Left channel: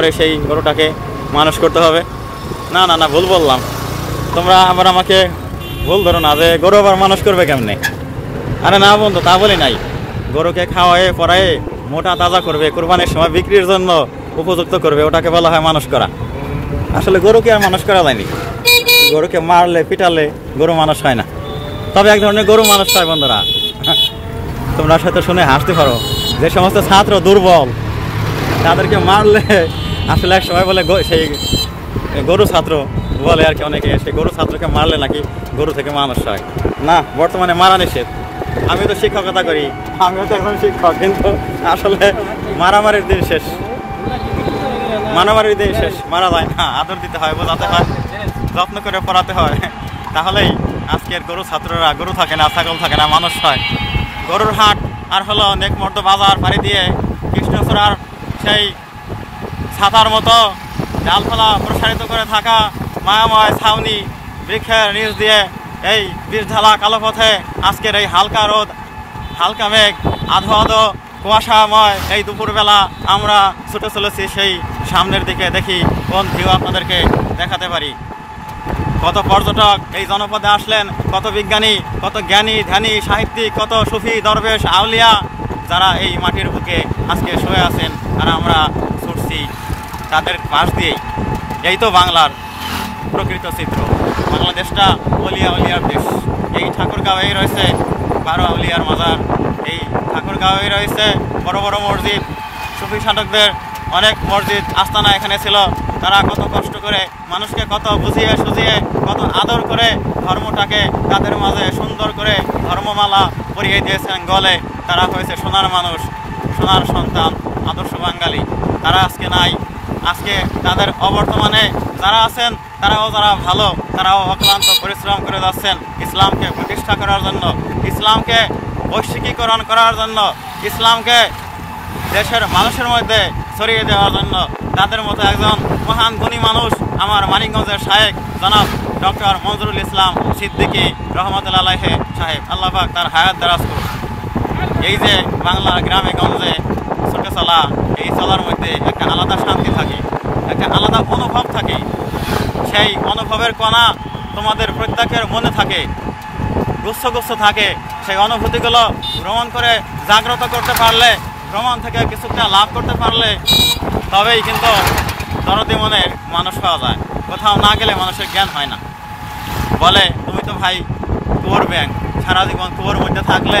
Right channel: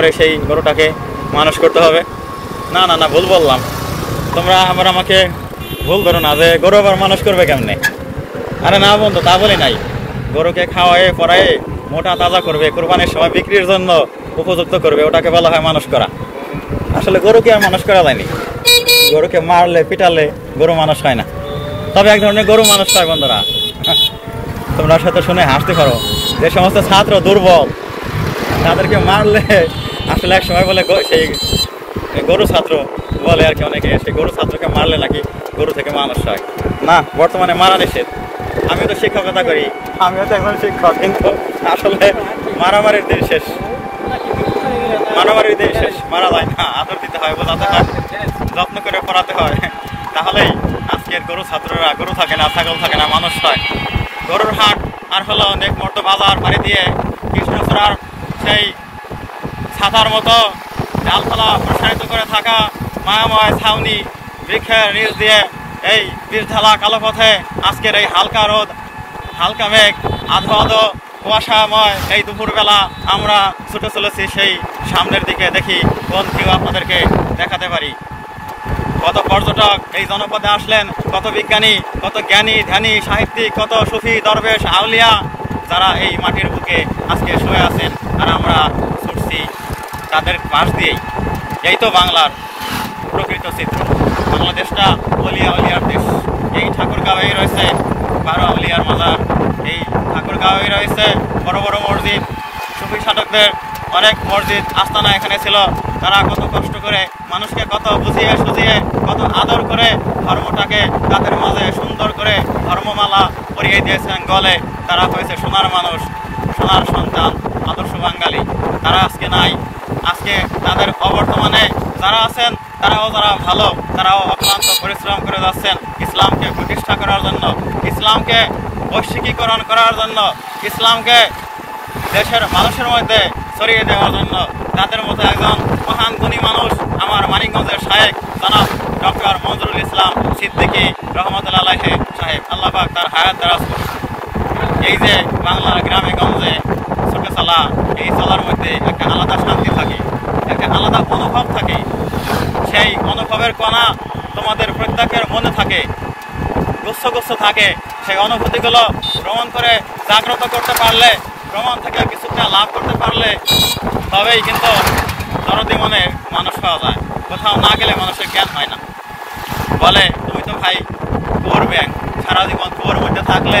করে সেই গরুটাকে মানুষ করতে হবে। না না না, ভুল বললাম। তোমরা আবার আমাকে ভুল ধরো না যে গরু আবার মানুষ করবে কেমনে। আরে না বন্ধু, তা বলি নাই। গরুকে খাওয়ায়ে পরায়ে মোটা তাজা করবে, কোরবানির সময় বিক্রির জন্য উপযুক্ত করবে, ওটাকে বলা হয় মানুষ করা। আসলে গরুকে আর মানুষ করা যায়নি। গরুকে মারলে পিটালে গরু মানুষ হয় না, তবে এক ধরনের গরু মানুষ হয় বন্ধুরা। তোমরা সাথে শুনে হাসতে পারো, যে সমস্ত ছাত্র দুর্বল তাদেরকে মারলে আসলে এক সময় বলে সেই গরু ছাত্র বলে আর কি অনেকে, সেই গরু ছাত্রকে মারলে নাকি গরু থেকে মানুষ হয় না। বর্তমানে মারা নিষেধ। আমি তো শিক্ষকতা করি, আমিও তো এখন শিক্ষক, কিন্তু আসলে মারামারির দিন শেষ, মারামারির দিন শেষ। মারা যায় না, আদর দিতে হয়, বোঝাতে হয়, যত্ন করে পড়াতে হয়, তাহলেই আজকের গরু ছাত্ররা গরু থাকে না, ছাগল থাকে না, মানুষ হয়। গরুর হাট আর হলো নেকমর্দ বাজার পাড়ি দিয়ে কৃষ্ণচূড়ার সেই ছাতার মতো ডালপালা প্রসারিত করে থাকা মায়াময় ছাউনি বৃক্ষের নিচ দিয়ে এই বিষঢালা কালো পথে আজকের এই হালকা রোদ, হালকা মেঘ, আধো আধো কুয়াশাময় এই দুপুরবেলা আমরা ছুটে চলেছি সেই সামনের দিকে। দেখি কোন ভিউ আপনাদেরকে দেখাতে পারি। কত পর্যটক এই জনপদে আসলেন, কত বিজ্ঞানী, কত জ্ঞানী ধ্যানী সাহিত্যিক, কত সুফি দরবেশ আউলিয়া, যারা এই মাটির বুকে আজকে শুয়ে আছেন, আর আমরা ছুটছি তাদের পাশ দিয়েই। এই তো বাংলার প্রকৃত চিত্র। বাংলাদেশটা অলিয়া অলিয়ার দেশ। এই ঠাকুরগাঁওয়েই রয়েছে 12 আউলিয়ার মাজার, এই ঠাকুরগাঁওয়েই রয়েছে বড় বড় মসজিদ। সুফি সাধকদের অনেক মসজিদ আস্তানা এখানে ছিল। তারা কত কষ্ট করে মানুষকে কত বুঝিয়ে সুঝিয়ে, কত আদর করে ধর্মটাকে তাদের মাঝে সুন্দর করে ধর্মমালা পরিয়ে দিয়েছেন গলে। তারা হয়েছে সোনার মানুষ, সোনার সন্তান, আদর্শ বাঙালি। তারা আজকে নাই। আজকে তাদের অবর্তমানে যারা আছেন তারাও যারা ভালো, তারাও অক্লান্ত পরিশ্রম করে যাচ্ছেন ইসলামকে প্রতিষ্ঠা করার জন্য, ইসলামকে বৈশ্বিকীকরণ করার জন্য, ইসলামকে দেশের মানুষের মধ্যে ছড়িয়ে দেওয়ার জন্য। তাদের মতো একজন মহান গুণী মানুষ আমার মানিকগঞ্জের শায়েখ জনাব ডক্টর মনজুরুল ইসলাম সিদ্দিকী রহমতুল্লাহ আলাইহি সাহেব, আল্লাহ পাক তার হায়াত দারাজ করুন। এই যে বাংলার গ্রামে গঞ্জে ছুটে চলা, এই চলার মধ্যে একটা আলাদা শান্তি থাকে, একটা আলাদা অনুভব থাকে। সেই অনুভবের কণা তোমাদের প্রত্যেকের মনে থাকে, গুচ্ছ গুচ্ছ থাকে। সেই অনুভূতিগুলো ভ্রমণ করে জাগ্রত করতে পারলে, ভ্রমণ থেকে কিছুটা লাভ করতে পারলে, তবেই কিন্তু দরদি মনে মানুষ পাওয়া যায়। কোথাও না গেলে মানুষের জ্ঞান হয় না। বলে তুমি তো ভাই কুয়োর ব্যাং, সারা জীবন কুয়োর মধ্যে থাকলে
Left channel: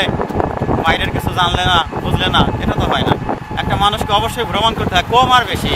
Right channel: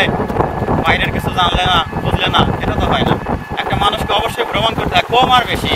বাইরের কিছু জানলে না, বুঝলে না, এটা তো হয় না। একটা মানুষকে অবশ্যই ভ্রমণ করতে হয়, কম আর বেশি।